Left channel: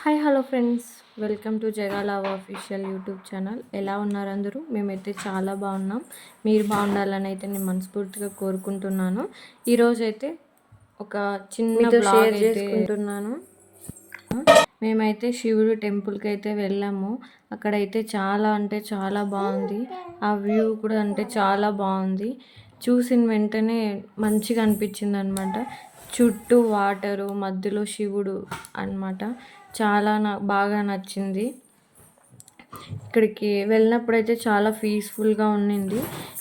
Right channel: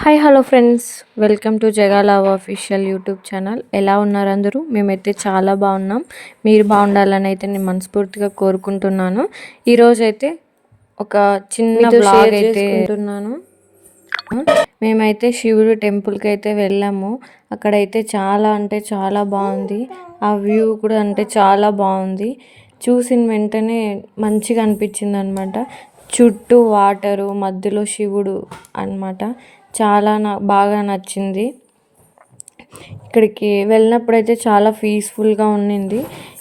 Hi hello friends, welcome to జగాలవ్ official YouTube channel. ఎలా ఉన్నారు అందరూ? మేమైతే చాలా బాగున్నాం. మీరు బాగుండాలని అయితే నేను మనస్ఫూర్తిగా కోరుకుంటున్నాను. ఈరోజైతే ఒక చిన్న బ్లాగ్ అయితే చేసుకుంటున్నాను. మేమైతే శివుడు టెంపుల్కి అయితే వెళ్ళాము. అక్కడైతే చాలా అంటే చాలా బాగుంది. ఆ వ్యూ కూడా అంటే చాలా బాగుంది. చూసిన వెంటనే మంచిగా అనిపించింది అనమాట. చుట్టూ వాటరు, మధ్యలో శివుడు అనమాట. చాలా బాగా నచ్చింది. ఇక్కడికి వెళ్ళినప్పుడైతే చాలా పీస్ఫుల్గా ఉండింది.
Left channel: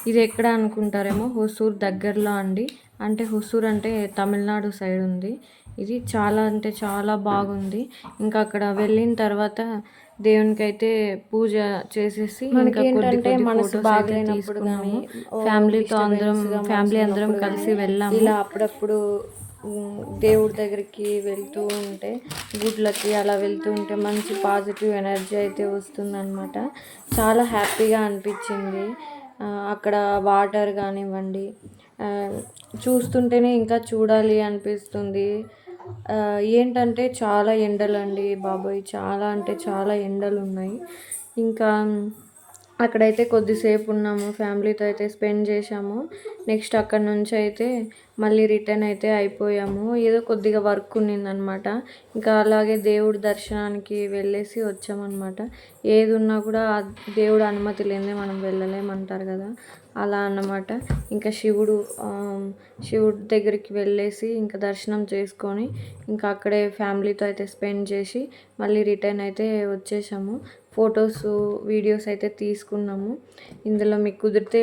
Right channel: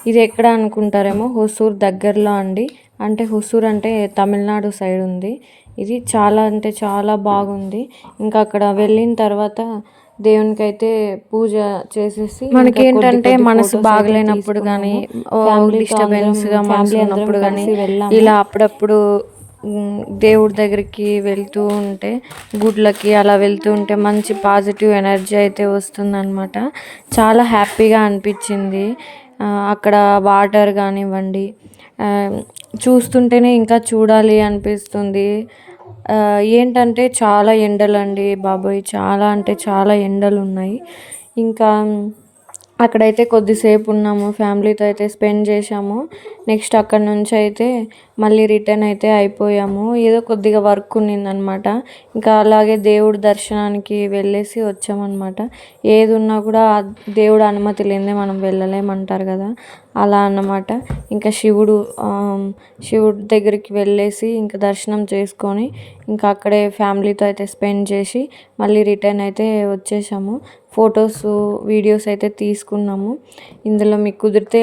ఇది ఎక్కడ అనుకుంటారేమో, హొసూర్ దగ్గరలో అండి. అంటే హొసూర్ అంటే తమిళనాడు సైడ్ ఉంది. ఇది చాలా అంటే చాలా బాగుంది. ఇంకా అక్కడ వెళ్ళిన తర్వాత దేవునికి అయితే పూజ చేసేసి, మనకి ఏంటంటే మనసు బాగలేనప్పుడు కానీ, డిస్టర్బెన్స్గా ఫ్యామిలీ ఉన్నప్పుడు కానీ ఇలా అప్పుడప్పుడు దేవుడి దగ్గరికి వెళ్తూ ఉంటే, గుడ్లకి అలా వెళ్తూ ఉంటే మంచి పాజిటివ్ ఎనర్జీ అయితే వస్తుందన్నమాట. చాలా హ్యాపీగా అనిపించింది. అక్కడ వాటర్ కానివ్వండి, చూస్తుంటేనే ఇంకా చూడాలి అనిపిస్తుంది. ఏంటంటే చాలా ఎండలండి బాబోయ్, చాలా అంటే చాలా ఎండలు ఉన్నాయి. ఇంకా అక్కడైతే కొద్దిసేపు ఉన్నాము, ఫ్యామిలీతో అయితే స్పెండ్ చేసాము. నెక్స్ట్ అక్కడ నుంచి అయితే మళ్ళీ రిటర్న్ అయితే అయిపోయాము. ఏదో కొద్దిగా వర్క్ ఉన్నిందనమాట. ఇంకా అలాగే దేవుడి దర్శనానికి వెళ్ళేసి వచ్చామన్నమాట. ఏది ఉన్నా కూడా దేవుడు అనుమతి లేనిదే మనం వెళ్ళలేమంటారు కదా, అలా అన్నమాట. ఇంకా శివుడి దగ్గరికి వెళ్ళేసి ఇంకా దర్శనం చేసుకొని ఇంకా అక్కడే ఫ్యామిలీతో అయితే స్పెండ్ చేసి మళ్ళీ రిటర్న్ అయితే వచ్చేసాము. ఫొటోస్, వీడియోస్ అయితే తీసుకున్నాము. ఇందులో మీకు కుదిరితే